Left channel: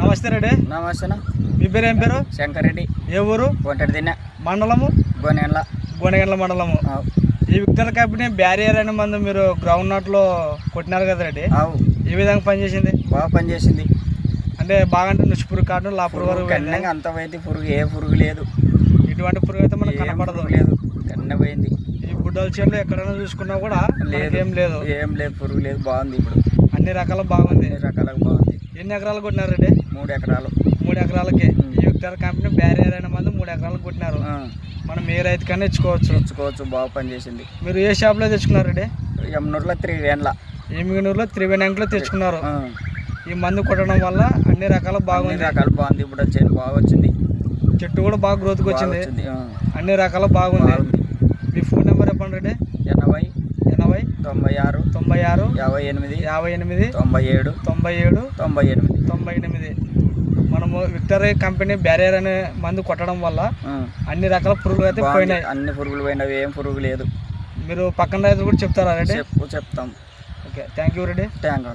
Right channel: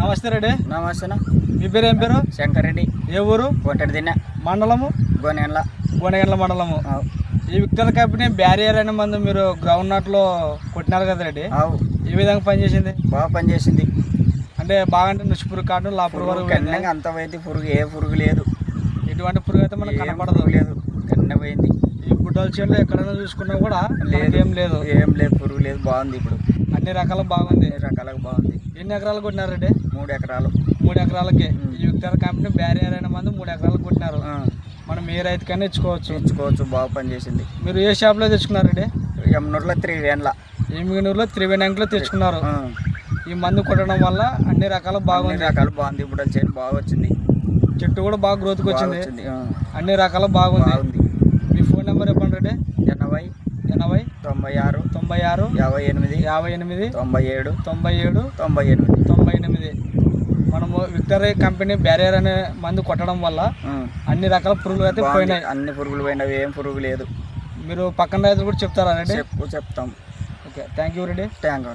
నమస్తే రెడ్డి. నమస్తే. మీ పేరు ఏం పేరు? శంకర్ రెడ్డి. ఏ ఊరు? కోటడిదిన్న మండలము? గోనెగండ్ల మండలము. ఈ విక్టర్ కంపెనీ బ్యారియర్ అనే మందు మీరు గ్రౌండ్ నట్లో కొట్టినారు కదా రెడ్డి, ఏ విధంగా పనిచేసింది? బాగా పనిచేసింది. అంటే బాగా అంటే నుచ్చి పురుగు కాటు లాపురు వరకు అంత పోయింది. పురుగు ఏ పురుగు లేదు, ఎటువంటి పురుగు అయితే మనకు కనపడదు. లేదు, కన్న పోయింది. ఈ బుడ్డల చేనులో ఎక్కడైనా చూసుకున్నా కూడా లేదు, ఏం లేదు, పురుగు లేదు. బాగుంది. ఇప్పుడు అన్ని రకాల బాగుంది. బాగుంది. ఎన్ని ఎకరాలు కొట్టినారు రెడ్డి? 3 ఎకరాలు. 3 ఎకరాలకి ఈ విక్టర్ కంపెనీ బ్యారియర్ అనే మందు 3 ఎకరాలు కొట్టినారు. మనం ఏ రైతు కన్నా ఇచ్చుకోవచ్చు. బాగా పనిచేసింది. మీరు ఏ షాప్లో తెచ్చుకున్నారు రెడ్డి? ఎమ్నూరులో త్రివేణిలో. ఎమ్మిగనూరులో త్రివేణిలో తెచ్చుకున్నారు. ఈ మందు కొట్టడం వల్ల అన్ని రకాల బాగుంది. ఇప్పుడు చేను బాగా వచ్చింది. చెట్టు కూడా బాగా గ్రోత్కి వచ్చింది. అన్ని రకాల బాగుంది. మీ ఫోన్ నెంబర్ చెప్పండి రెడ్డి. 80 96 96 58 57 97 98. మనము విక్టర్ కంపెనీ బ్యారియర్ అనే మందు కొట్టడం వల్ల అన్ని రకాల పురుగులు అయితే పోయినాయి. అన్ని పురుగులు పోయినవి, ఏం పురుగు లేదు. మీరు పక్కన రైతులు కూడా చెప్తారా రెడ్డి? చెప్తాం. Okay, thank you Reddy. Thank you.